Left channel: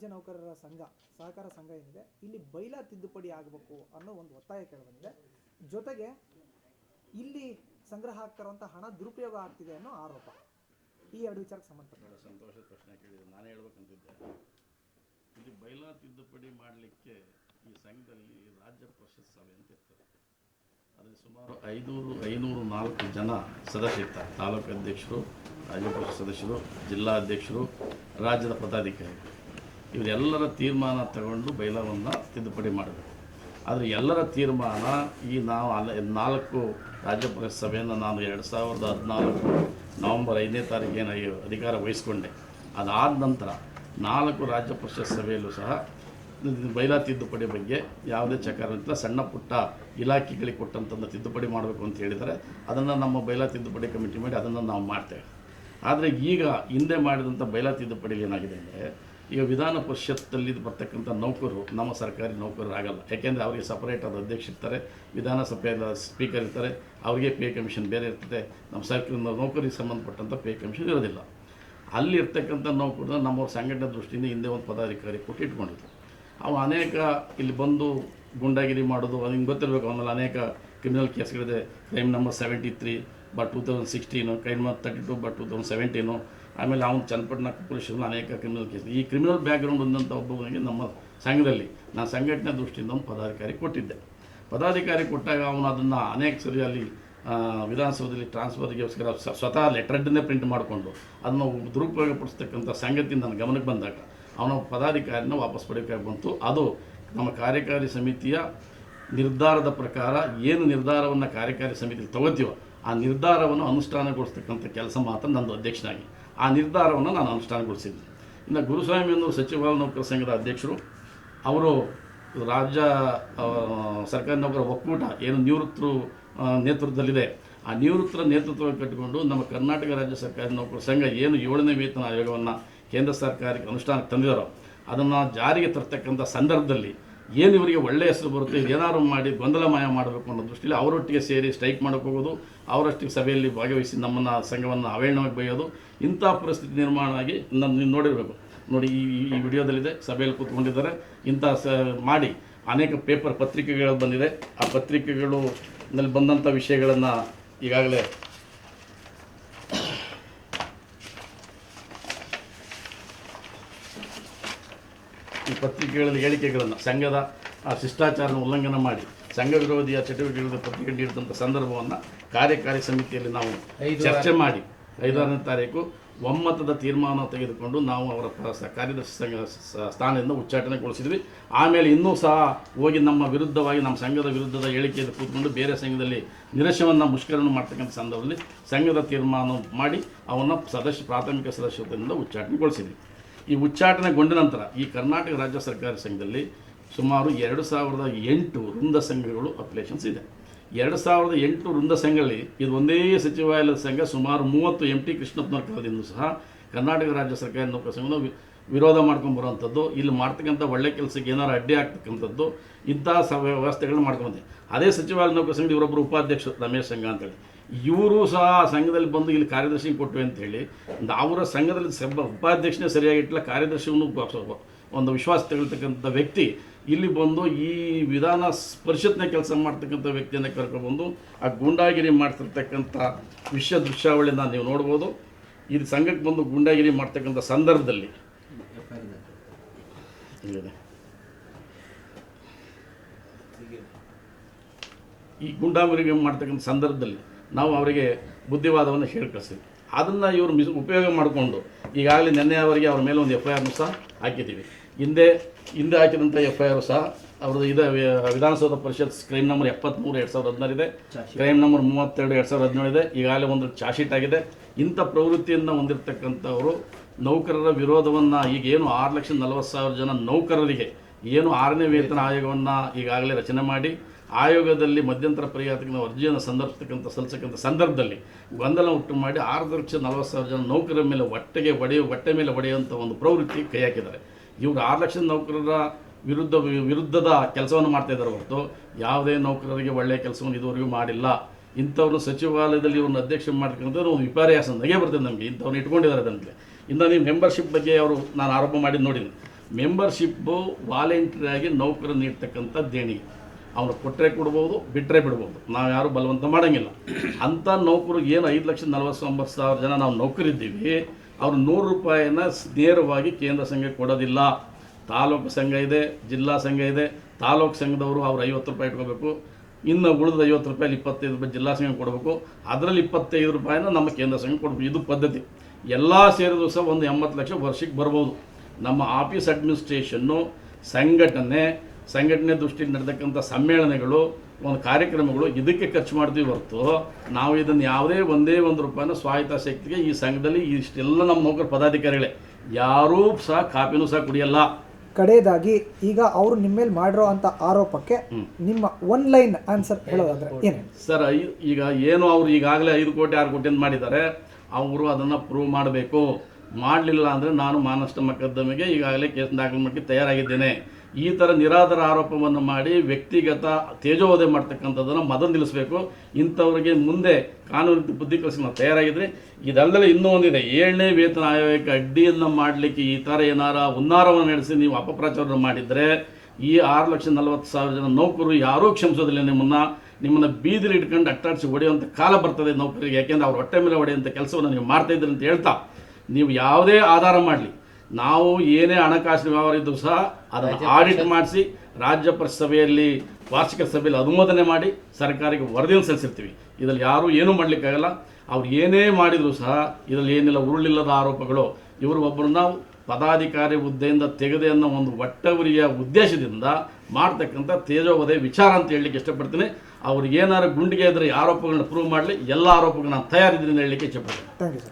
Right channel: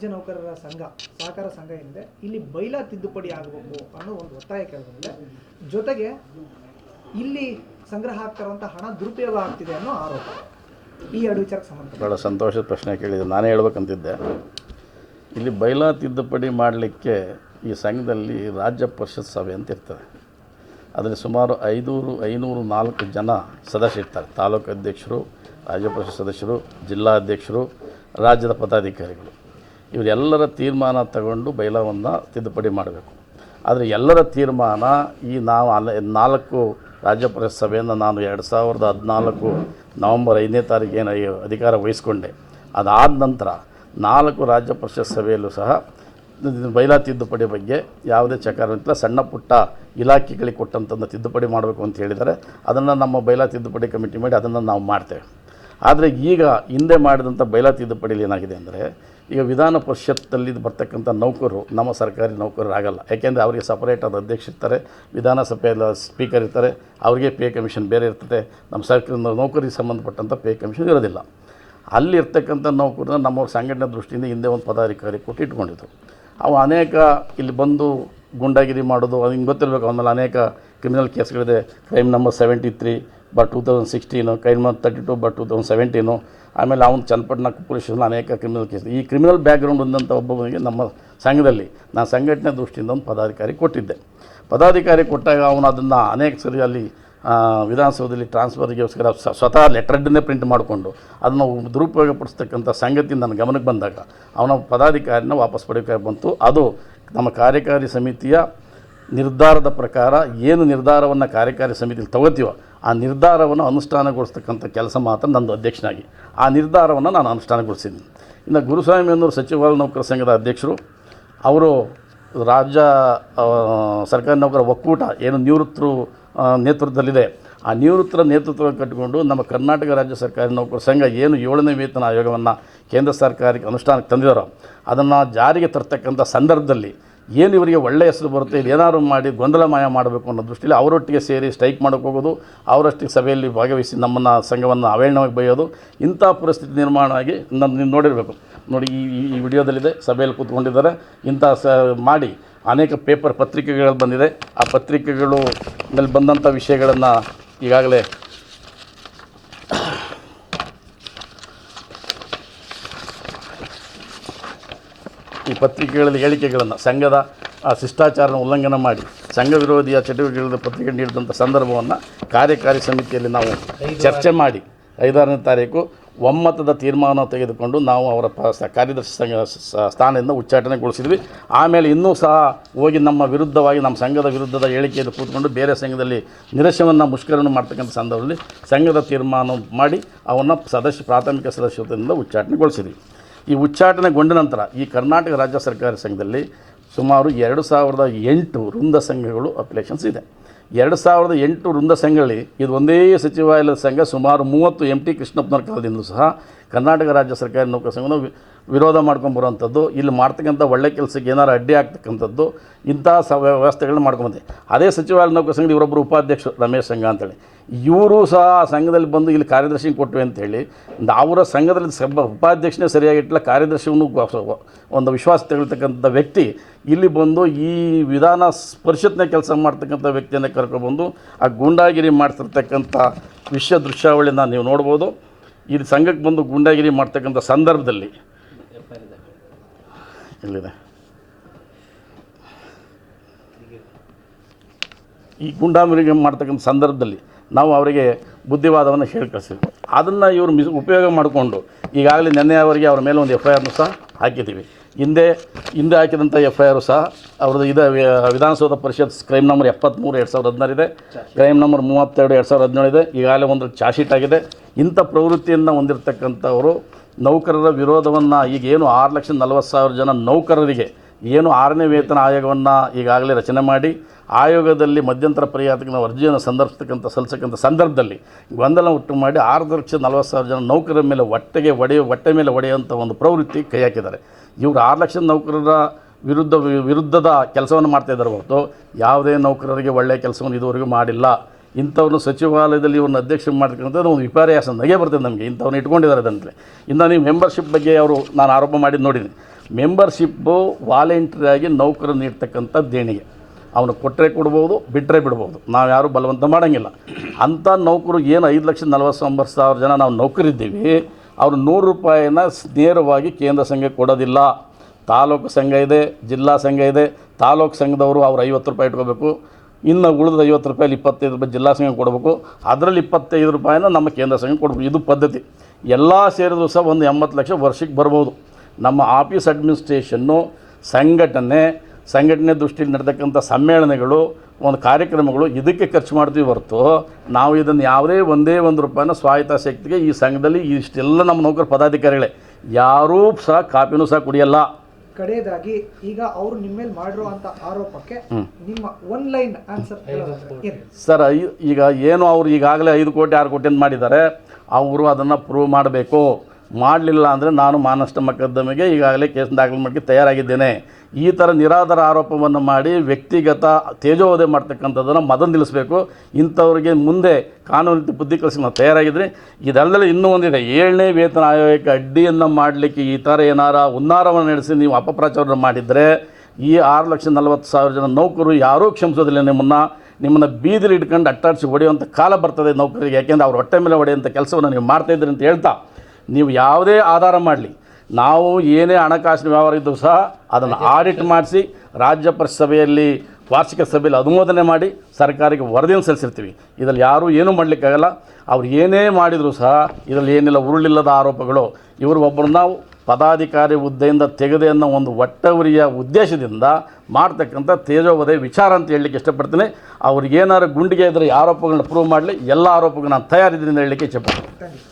ರಾಜ್ಯ ನೌಕರರ ಸಂಘ ಸಹಕಾರ ಸಂಘ ಏನಿದೆ ಇಲ್ಲಿ ಬೈಲಾ ತಿದ್ದುಪಡಿ ಆಗಬೇಕು ಅನ್ನೋ ಒಂದು ಒತ್ತಾಯ ಕೇಳಿದ್ರೆ ಜೊತೆಗೆ ಇಲ್ಲಿ ಸಂಗ್ರಹ ಆಗ್ತಿರುವಂಥ ಹಣ ದುರುಪಯೋಗ ಆಗ್ತಿದೆ ಅನ್ನೋ ಆರೋಪ. ಈ ಎರಡು ವಿಚಾರಕ್ಕೆ ಸಂಬಂಧ ಭಾಳ ಸಂತೋಷದ ಪ್ರಶ್ನೆ ಕೇಳಿದೆ. ನಾನೇ ಹೇಳ್ಬೇಕಂತಿದ್ದೆ. ಇಲ್ಲಿ ಬೈಲಾ ತಿದ್ದುಪಡಿ ಮಾಡಲಿಕ್ಕೆ ಈ ಸಂಘದಲ್ಲಿ ರಾಜ್ಯ ಪರಿಷತ್ ಸಭೆ ಅಂತ ಇರ್ತದೆ. ಅದರಲ್ಲಿ ಸುಮಾರು 504 ಜನ ಸದಸ್ಯರಿರ್ತಾರೆ. ತಾಲೂಕು ಅಧ್ಯಕ್ಷರು, ರಾಜ್ಯ ಪರಿಷತ್ ಸದಸ್ಯರು, ಜಿಲ್ಲಾ ಅಧ್ಯಕ್ಷರು, ರಾಜ್ಯದ ಪದಾಧಿಕಾರಿಗಳು. ಇವರೆಲ್ಲರ ತೀರ್ಮಾನ ತಗೊಂಡು ಬೈಲಾವನ್ನು ತಿದ್ದುಪಡಿ ಮಾಡಬೇಕು. ಆದರೆ ಎಲ್ಲರ ತೀರ್ಮಾನ ಈ ನಾವು 4 ರಾಜ್ಯ ಪರಿಷತ್ ಸಭೆಯನ್ನು ನಾನು 2014 ನವಂಬರ್ 5ನೇ ತಾರೀಕೇನು ಅಧಿಕಾರ ವಹಿಸ್ಕೊಂಡೆ. ಅದಾದ ನಂತರ 4 ರಾಜ್ಯ ಪರಿಷತ್ ಸಭೆಯಲ್ಲೂ ಸಹ ಬೈಲಾ ತಿದ್ದುಪಡಿ ಬಗ್ಗೆ ಯಾವುದೇ ಚಕಾರ ಇಲ್ಲ. ಸಣ್ಣ ಪುಟ್ಟ ಇಲಾಖೆಗಳಿಗೆ ಕೊಟ್ಟಂಥದ್ದು ತಿದ್ದುಪಡಿ ಮಾಡಬೇಕು ಅಂತ ಹೇಳಿದ್ದಾರೆ. ಅದನ್ನು ನಮ್ಮ ಬೈಲಾ ತಿದ್ದುಪಡಿ ಕಮಿಟಿ ಮಾಡಿ ಅದನ್ನು ನಾವು ಮಾಡ್ತೇವೆ. ಆದರೆ ಈಗ ಹಿಂದೆ ಮಾಡಿದಂಥ ಬೈಲಾ ತಿದ್ದುಪಡಿಯಲ್ಲಿ ಏನಾಗಿದೆ ಅಂದರೆ, ಈಗ ವಿಧಾನ ಪರಿಷತ್ತಲ್ಲಿ ಬರ್ತಕ್ಕಂಥ ನೌಕರರು ನಮ್ಮ ಸರ್ಕಾರಿ ನೌಕರರು ಆಗಲ್ಲ. ಯಾಕೆಂದರೆ ಅವರಿಗೆ ಸಪರೇಟ್ ಆದ ಅಧ್ಯಕ್ಷ ಇರ್ತಾರೆ, ವಿಧಾನಸಭೆಯಲ್ಲಿ ಸ್ಪೀಕರ್ ಇರ್ತಾರೆ, ಅವರಿಗೆ ಪೇ ಕಮಿಷನ್ ಬೇರೆ ಇರ್ತದೆ. ನಮ್ಮ ಸರ್ಕಾರ ನೌಕರಿಗೆ ಸಂಬಂಧಪಟ್ಟಂಥ ಪೇ ಕಮಿಷನ್ ಇರೋದಿಲ್ಲ. ಅಲ್ಲಿರ್ತಕ್ಕಂಥ ನೌಕರನ್ನ ನಮ್ಮವ್ರ ಸಂಘಟನೆ ದೃಷ್ಟಿಯಿಂದ ಹಿಂದೆ ಒಂದು ಪದಾಧಿಕಾರಿ ಕೊಟ್ಟು ಇಟ್ಕೊಂಡಿದ್ದು. ಅವು ಅನೇಕ ಇಲ್ಲಿ ಬಂದು ಗುಂಡಾಗಿರಿ ಮಾಡೋದು, ಅದು ಹಿಂಗೆ ಗೊತ್ತಿರಬೇಕು. ಆಮೇಲೆ ಅನೇಕ ಕ್ರಿಮಿನಲ್ ಕೇಸ್ಗಳಿದೆ. Crime number 73/2016, crime number 32/2017. ಆಮೇಲೆ ಅವನು ಚನ್ನಪಟ್ಟಣ ಪೊಲೀಸಲ್ಲಿ ಅನೇಕ ಕ್ರಿಮಿನಲ್ ಕೇಸ್. ಈ ಕ್ರಿಮಿನಲ್ ಬ್ಯಾಕ್ಗ್ರೌಂಡ್ ಬಂದಂಥ ಒಬ್ಬನಿಗೆ ನಮ್ಮ ಸಂಘದಲ್ಲಿ ನಾನು ಸಂಘಟನೆ ದೃಷ್ಟಿಯಿಂದ ಒಂದು ಪದಾಧಿಕಾರಿ ಕೊಟ್ಟಿದ್ದೆ. ಪದಾಧಿಕಾರಿ ಕೊಟ್ಟಾಗ ಅವನು ಅದನ್ನು ಅನೇಕ ಸರಿ ಅಲ್ಲಿ ವಿಧಾನಸೌಧದಲ್ಲಿ ಟ್ರಾನ್ಸ್ಫರ್ಗೋಸ್ಕರ ಸ್ವತಃ ಲೆಟರ್ಡನ್ನೇ ಪ್ರಿಂಟ್ ಮಾಡಿಕೊಂಡು ಅದನ್ನು ದುರುಪಯೋಗಪಡಿಸ್ತಕ್ಕಂಥ ಸಂಗತಿ ನನ್ನ ಗಮನಕ್ಕೆ ಬಂದಾಗ ಅವನ ಪದಾಧಿಕಾರಿನ ವಾಪಸ್ ಪಡೆಯಬೇಕಾಗಿ ಬಂತು. ಅದು ನಮ್ಮ ಕಾರ್ಯಕಾರಿ ಸಮಿತಿಯ ನಿರ್ಧಾರದ ಪ್ರಕಾರ ಏನು ನಿರ್ಧಾರವನ್ನು ಕಾರ್ಯಕಾರಿ ಸಮಿತಿಯಲ್ಲಿ ತಗೋತೀವೋ ಆ ನಿರ್ಧಾರವನ್ನು ಅನುಷ್ಠಾನಗೊಳಿಸ್ತಕ್ಕಂಥ ಕೆಲಸ ಮಾತ್ರ ನಂದು ಅಧ್ಯಕ್ಷನಾಗಿ ಆ ನಿರ್ಧಾರವನ್ನು ನಾನು ಅನುಷ್ಠಾನಗೊಳಿಸಿದ್ದೀನಿ. ಇನ್ನು ಗುರುಸ್ವಾಮಿಯವರು ಸಚಿವಾಲಯ ನೌಕರ ಸಂಘದ ಅಧ್ಯಕ್ಷರು, ಅವರು ರಾಜ್ಯ ಸರ್ಕಾರಿ ನೌಕರ ಒಕ್ಕೂಟ ಏನು ನಿವೃತ್ತರು ನೇತೃತ್ವದಲ್ಲಿದೆ, ಆ ನಿವೃತ್ತರ ನೇತೃತ್ವವನ್ನು ಕಟ್ಟಿಕೊಂಡು ನಮ್ಮ ಕರ್ನಾಟಕ ರಾಜ್ಯ ಸರ್ಕಾರಿ ನೌಕರ ಸಂಘ ಏನು 7ನೇ ವೇತನ ಆಯೋಗವನ್ನು ಕೇಂದ್ರ ಸರ್ಕಾರಕ್ಕೆ ಅನುಷ್ಠಾನಕ್ಕೆ ತಂದಿದ್ದಾರೋ ಅದನ್ನು ಜಾರಿಗೆ ತರ್ತಕ್ಕಂಥ ಸಂದರ್ಭದಲ್ಲಿ ಏನು ಇವರಿಗೆ ಒಳ್ಳೆಯ ಹೆಸರು ಬರುತ್ತೆ, ಇದೇನಾದ್ರು ಮಾಡಿ ಗೊಂದಲಮಯ ಮಾಡಬೇಕು ಅನ್ನೋ ದೃಷ್ಟಿಯಲ್ಲಿ ಅವರೊಟ್ಟಿಗೆ ಸೇರಿ ಸ್ಟ್ರೈಕ್ ಮಾಡೋಕ್ಕೆ ಹೋಗೋದು, ಅವರೊಟ್ಟಿಗೆ ಸಭೆಯಲ್ಲಿ ಭಾಗವಹಿಸಿ ನಮ್ಮನ್ನು ಸಂಘವನ್ನು ಅವೇಳನವಾಗಿ ಬೈಯೋದು, ಇಂಥ ಪರಿಸ್ಥಿತಿ ನಿರ್ಮಾಣ ಆಗಿ ನೀವು ನೋಡಿರಬೇಕು. ನೋಡಿ, ಈ ವಿಡಿಯೋದಲ್ಲಿದೆ, ಸಭೆಯಲ್ಲಿ ಕೂತ್ಕೊಂಡಿದ್ದಾರೆ. ಇಂಥ ಮಾಡಿ ಅನೇಕ ಪತ್ರಿಕೆಗಳು ಬಂದಿದೆ. ಆ ಪತ್ರಿಕೆಗಳಲ್ಲಿ ಬಂದಂಥ ವಿಷಯಗಳನ್ನು ಈಗಾಗಲೇ ಈ ಪತ್ರಿಕೆಗಳಲ್ಲಿ ಹೇಳಿಕೆಗಳನ್ನು ಸಂಘದ ಶಿಷ್ಟಾಚಾರನ ಉಲ್ಲಂಘನೆ ಮಾಡಿ ಸಂಘ ವಿರೋಧಿಯ ಚಟುವಟಿಕೆಗಳ ಪತ್ರಿಕೆ ನೀಡಿದಂಥ ಸಂದರ್ಭವನ್ನು ಕಾರ್ಯಕಾರಿ ಸಮಿತಿಯಲ್ಲಿ ನಾವು ಚರ್ಚೆ ಮಾಡಿ 5ನೇ ತಾರೀಕು ಒಮ್ಮತದ ತೀರ್ಮಾನ ತೆಗೆದುಕೊಂಡು ನಾವು ಅವರ ಕಾರ್ಯದರ್ಶಿ ಸ್ಥಾನದಿಂದ ಉಚ್ಚಾಟನೆಗೊಳಿಸಿದ್ವಿ. ಆಮೇಲೆ ಇನ್ನೂ ಸಹ ಹೋಗಿ ನಮ್ಮ ವಿರುದ್ಧವಾಗಿ ನಮ್ಮ ಸಂಘದ ವಿರುದ್ಧದ ಹೇಳಿಕೆಯನ್ನು ಕೂತ್ಕೊಂಡು ಬೇರೆ ಸಂಘದಲ್ಲಿ ನಿರಸನವನ್ನು ಮುಷ್ಕರವನ್ನು ಮಾಡ್ತಕ್ಕಂಥ ಸಂದರ್ಭದಲ್ಲಿ ಸಂಘದ ತೀರ್ಮಾನ ಮಾಡಿ ಅವನ್ನು ಪ್ರಾಥಮಿಕ ಸದಸ್ಯತ್ವದಿಂದ ಉಚ್ಚಾಟನೆಗೊಳಿಸಿದ್ವಿ. ಈ ಉಚ್ಚಾಟನೆಗೊಂಡ ನಂತರ ಈ ಕರ್ನಾಟಕ ರಾಜ್ಯ ಸರ್ಕಾರಿ ಸಂಘದಲ್ಲಿ ಸುಮಾರು 2008 ವೃಂದ ಸಂಘಗಳು ಅಪ್ಲಿಕೇಶನ್ಸ್ ಇದೆ. 2008 ವೃಂದ ಸಂಘಗಳಲ್ಲಿ ಇದು ಒಂದೇ ಸಚಿವಾಲಯದ ಸಂಘ ಸುಮಾರು 30 MT ಕೃಷ್ಣಪ್ಪನವ್ರ ಕಾಲದಿಂದ ಸಹ ಕರ್ನಾಟಕ ರಾಜ್ಯ ಸರ್ಕಾರಿ ನೌಕರ ಸಂಘವನ್ನು ವಿರೋಧ ಮಾಡ್ಕೊಂಬರುವಂಥದ್ದು, ಇಲ್ಲಿ ಮಾಡ್ತಕ್ಕಂಥ ಒಳ್ಳೆ ಕೆಲಸಕ್ಕೆ ಏನಾರು ಅಡ್ಡಿ ಆಗ್ತಕ್ಕಂಥದ್ದು, ಇಂಥ ವ್ಯವಸ್ಥೆಗಳನ್ನ ಮಾಡ್ಕೊಂಬಂದೆ. ಅದೇ ಸಚಿವಾಲಯ ನೌಕರ ಸಂಘದ ಇವರೊಬ್ಬರು ಉಪಾಧ್ಯಕ್ಷರು ರಮೇಶ್ ಸಂಘ ಅಂತೇಳಿ, ಇವರು ಸಹ ಸಂಘದಲ್ಲಿ ಬಂದು ಇಲ್ಲಿ ಕಾರ್ಯದರ್ಶಿ ಕೊಟ್ಟವೆ ಅಂತೇಳಿ ಅವರ ಸಂಘದಲ್ಲಿ ಉಪಾಧ್ಯಕ್ಷನೇ ಸರಿಯಾಗಿಟ್ಟಿಲ್ಲ, ಕಾರ್ಯದರ್ಶಿಯನ್ನು ಒಂದು ವಿಶ್ವಾಸ ತೆಗೆಳ್ತಕ್ಕಂಥ ವ್ಯಕ್ತಿ ಇಲ್ಲಿ ಬಂದು ಈ ವಿಧಾನ ಪರಿಷತ್ನ ಕೆಲಸ ಮಾಡ್ತಕ್ಕಂಥ ವ್ಯಕ್ತಿಯನ್ನು ಕರ್ಕೊಬಂದು ಆ ಗೂಂಡಾಗಿರಿ ಮಾಡ್ತಿರ್ತಕ್ಕಂಥ ದೃಶ್ಯಾವಳಿನ ನೀವು ನೋಡ್ಬೋದು. ಈ ಸಂಘಕ್ಕೆ ಬಂದು ಗೂಂಡಾಗಿರಿ ಮಾಡ್ತಕ್ಕಂಥ ಸಂದರ್ಭದಲ್ಲಿ ಇಲ್ಲಿದೆ, ಈ ಗೂಂಡಾಗಿರಿ ಮಾಡ್ತಕ್ಕಂಥ ಸಂದರ್ಭದಲ್ಲಿ ನಾವು ಅವರಿಗೆ ಬುದ್ಧಿವಾದವನ್ನು ಹೇಳಿ ಕಳಿಸಿದ್ವಿ. ಅದನ್ನು ಇವರು ಉಪಯೋಗ ಮಾಡಿಕೊಂಡು ಈಗಾಗಲೇ ನೆನ್ನೆಯವರೆಗೆ ಅವ್ರ ಮೇಲೆ ಒಂದು FIRನೂ ಸಹ ಹಾಕಿದ್ದೀವಿ. ಹಿಂದೆ ಹಾಕಿದಂಥ FIR ಸಹ ಅವ್ರದ್ದು ಇದೆ. ವಿಧಾನಸೌಧ ಪರಿಷತ್ ಕ್ರೈಮ್ ನಂಬರ್ 73/2016 ಇದೆ, ಕ್ರೈಮ್ ನಂಬರ್ 32/2017 ಇದೆ. ಈಗಾಗಲೇ ಒಂದು ಚಾರ್ಜ್ ಶೀಟ್ ಆಗಿದೆ. ಇಂಥ ಪ್ರವೃತ್ತಿಯನ್ನು ಹೊಂದಿರತಕ್ಕಂಥವರು ನೌಕರರ ವಿರೋಧವನ್ನು ಈಗ ಏನು 6,40,000 ಜನ ನೌಕರರಿಗೆ ಏನು 6ನೇ ವೇತನ ಆಯೋಗವನ್ನು ಈಗಾಗಲೇ ರಚನೆ ಮಾಡಿ ಆಯೋಗದಲ್ಲಿ ಮಧ್ಯಂತರ ಪರಿಹಾರಕ್ಕೆ ನಾವು ಅರ್ಜಿಯನ್ನು ಸಲ್ಲಿಸ್ತಕ್ಕಂಥ ಸಂದರ್ಭದಲ್ಲಿ ಗೊಂದಲ ಉಂಟು ಮಾಡಿ 6,40,000 ಜನ ನೌಕರರ ಮೇಲೆ ಹೊಟ್ಟೆ ಮೇಲೆ ಹೊಡೆಯುವಂಥ ಒಂದು ಪ್ರವೃತ್ತಿ ಕೈ ಹಾಕಿದ್ದಾರೆ. ಇವರು 6 ಲಕ್ಷ ನೌಕರರ ವಿರುದ್ಧದ ಕೆಲಸವನ್ನು ಮಾಡ್ತಾಯಿದ್ದಾರೆ ಹೊರತು ಯಾವುದೇ ನೌಕರರಿಗೆ ಒಳ್ಳೆಯ ಕೆಲಸವನ್ನು ಇದುವರೆಗೂ ಮಾಡಿಲ್ಲ. ಇಂಥವ್ರನ್ನ ಸಚಿವಾಲಯದಲ್ಲಿ ಇವ್ರನ್ನ ಅಧ್ಯಕ್ಷ ಮಾಡ್ತಕ್ಕಂಥದ್ದು ಒಂದು ವಿಪರ್ಯಾಸ ನಗೆ ಬರ್ತದೆ ನಮಗೆ. ಇಂಥವ್ರನ್ನ ಇಟ್ಕೊಂಡಿದ್ದಾರೆ ಅಂತಲೇ. ಇನ್ನು ನೀವು ಮೆಂಬರ್ಶಿಪ್ ಬಗ್ಗೆ ನಾನು ಆರೋಪ ಮಾಡಿದ್ದು ನೋಡಿದ್ದೀನಿ. ಮೆಂಬರ್ಶಿಪ್ಪು ವಾಲಂಟ್ರಿಯಾಗಿ ನೌಕರರು ನೀಡ್ತಕ್ಕಂಥ ದೇಣಿಗೆ. ಅವನು ಕೊಟ್ಟರೆ ಕೊಡ್ಬೋದು, ಬಿಟ್ಟರೆ ಬಿಡ್ಬೋದು, ನಾವು ಯಾರೂ ಬಲವಂತ ಮಾಡೋಂಗಿಲ್ಲ. ಅಂಥ ನೌಕರು ಏನು 5,49,000 ಜನ ನಾವು ನೌಕರಿದ್ದೀವಿ, ಅವರು 100 ರೂಪಾಯಿನ ನೇರವಾಗಿ ಕೇಂದ್ರ ಸಂಘಕ್ಕೆ ಕೊಡೋದಿಲ್ಲ. ತಾಲೂಕು ಸಂಘ ಇದೆ, ಜಿಲ್ಲಾ ಸಂಘ ಇದೆ. ತಾಲೂಕು ಸಂಘದವರು ಅವ್ರು 50 ರೂಪಾಯಿ ಇಟ್ಕೋಬೇಕು, ಇನ್ನು ಉಳಿದ 50 ರೂಪಾಯಲ್ಲಿ 25 ರೂಪಾಯಿ ಜಿಲ್ಲಾ ಸಂಘ ಕೊಡಬೇಕು, ಅದರಲ್ಲಿ 25 ರೂಪಾಯಿನ ನಮ್ಮ ಕೇಂದ್ರ ಸಂಘ ಕೊಡಬೇಕು. ಇದು ಪದ್ಧತಿ. ಎಲ್ಲ ಸೇರಿದ್ರು ಸಹ ಒಂದು 80 ಲಕ್ಷ ವರ್ಷಕ್ಕೆ ಬರ್ಬೋದು. ನಮ್ಮ ಆಫೀಸ್ ಅಡ್ಮಿನಿಸ್ಟ್ರೇಷನ್ನು, ಸಂಘಟನೆ ದೃಷ್ಟಿಯಲ್ಲಿ ನಡೆತಕ್ಕಂಥ ಸಮ್ಮೇಳನಗಳು, ಒಂದು ಕಾರ್ಯಕ್ರಮಗಳು, ಇದಕ್ಕೆ ಖರ್ಚು ಮಾಡ್ತೀವಿ ಹೊರತು ನಾವು ಇದನ್ನು ಯಾವುದೇ ಒಂದೇ ಒಂದು ರೂಪಾಯಿನ ಸ್ವಾಯತ್ತ ಶಕ್ತಿಗೆ ಈ ಸಂಘದಲ್ಲಿ ಇಷ್ಟೆಲ್ಲ ನಮ್ಮ ನೌಕರ ಪದಾಧಿಕಾರಿಗಳೇ, ಯಾರೂ ಸಹ ಕಾಪಿನೂ ಸಹ ಕುಡಿಯಲ್ಲ. ಕಡೆಯದಾಗಿ ಈಗ ಅವರು ನಿಮ್ಮ ಮೇಲೆ ಮಾಡಿರೋ ಅಂಥ ಆರೋಪಕ್ಕೆ ನಿಮ್ಮ ಒನ್ ಲೈನ್ ಆನ್ಸರ್ ಹೇಳೋದಾದ್ರೆ ಏನು ಸರ್? ಈಗ ಏನು ಅವರು ಈಗಾಗಲೇ 5 ಕೋಟಿ 6 ಕೋಟಿ ಅಂತ ಮಾಡಿದ್ದಾರೆ, ಅವರು ಅದನ್ನು ಪ್ರೂವ್ ಮಾಡಬೇಕು. ಮಾಡಲಿಲ್ಲ ಅಂದರೆ ನಾನು ಮಾನನಷ್ಟ ಮೊಕದ್ದಮೆಗೆ ಈಗಾಗಲೇ ಕೇಸ್ ದಾಖಲು ಮಾಡೋಕ್ಕೆ ತಯಾರಾಗಿದ್ದೇನೆ. ಈ ಥರ ನಿರಾಧಾರ ಆರೋಪವನ್ನು ಮಾಡಿ ವ್ಯಕ್ತಿಗತ ತೇಜೋವಧೆ ಮಾಡ್ತಕ್ಕಂಥದ್ದನ್ನು ಮೊದಲು ನಿಲ್ಲಿಸಬೇಕು. ಇಂಥವ್ರಿಗೆ ಮುಂದೆ ಕಾನೂನು ಬುದ್ಧಿ ಕಲಿಸಿ ನಾವು ತಯಾರಾಗಿದ್ದರೆ. ಇದಲ್ಲದೆ ಇನ್ನೂ ಒಂದಿದೆ, 7ನೇ ವೇತನ ಆಯೋಗಕ್ಕೆ ಅಡ್ಡಿಯನ್ನು ಮಾಡಲಿಕ್ಕೆ ಈ ಥರ ಏನಾರ ಹುನ್ನಾರವನ್ನು ನಡೆಸಿ ನೀವು ಅಪಪ್ರಚಾರ ಮಾಡಿದರೆ ಈ 6,40,000 ಜನ ನೌಕರು ಯಾರೂ ಕ್ಷಮಿಸೋದಿಲ್ಲ. ನಿಮ್ಮನ್ನು ಬೀದಿಲಿ ಇಟ್ಕೊಂಡು ಅಟ್ಟಾಡಿಸಿ ಹೊಡೆಯುವಂಥ ಕಾಲ ಬರ್ತದೆ ನೌಕರಿಗೆ. ಯಾಕೆಂದರೆ ಅವ್ರು ಹೊಟ್ಟೆ ಮೇಲೆ ಹೊಡೆಯುವಂಥ ಕೆಲಸವನ್ನು ನೀವು ಮಾಡ್ತಾಯಿದ್ದೀರಿ ಅಂತ ಹೇಳ್ತಾ, ನೀವು ಯಾವುದೇ ಆಧಾರ ಮಾಡಲಿ, ನಾವು ಏನೇ ಹಣಕಾಸಿನ ವ್ಯವಹಾರ ಇದ್ದು ಸಹ ಅದನ್ನು ಆಡಿಟ್ ಮಾಡಿಸಿ ರಾಜ್ಯ ಪರಿಷತ್ ಸಭೆಯಲ್ಲಿ, ವಾರ್ಷಿಕ ಸಭೆಯಲ್ಲಿ ಅನುಮೋದನೆ ಮಾಡಿ ಸರ್ಕಾರಕ್ಕೆ ವರದಿಯನ್ನು ಸಲ್ಲಿಸಿರ್ತೀವಿ. ಇದರಲ್ಲಿ ಯಾರೂ ಏನೂ ಮಾಡಲಿಕ್ಕಾಗಲ್ಲ. ಅವ್ರು ಏನೇ ಮಾಡಿದರೂ ಸಹ ಇದರಲ್ಲಿ ಏನಿಲ್ಲ ಉರುಳಿಲ್ಲದ ಆರೋಪಗಳು. ಇವರು ಒಬ್ಬರನ್ನ ಪದಾಧಿಕಾರಿ ಹುದ್ದೆಯಿಂದ ತೆಗೆದೆ ಅನ್ನೋ ಒಂದು ಒಟ್ಟವರಿಯ ಉದ್ದೇಶದಿಂದ ಮಾಡ್ತಕ್ಕಂಥ ತೇಜೋವಧೆ ವಿಚಾರ ಅಂತ ಹೇಳಲಿಕ್ಕೆ ಇಷ್ಟಪಡ್ತೀನಿ. ಅವ್ರಿಗೇನಾದ್ರು ಗುಂಡಿಗೆ ಇದ್ದರೆ ಆರೋಪಗಳನ್ನ ಪ್ರೂವ್ ಮಾಡಲಿ, ಎಲ್ಲ ಆರೋಪಗಳನ್ನ ನಾನು ತಯಾರಿದ್ದೀನಿ ಅಂತ ಹೇಳಲಿಕ್ಕೆ ಇಷ್ಟಪಡ್ತೀನಿ. Thank you.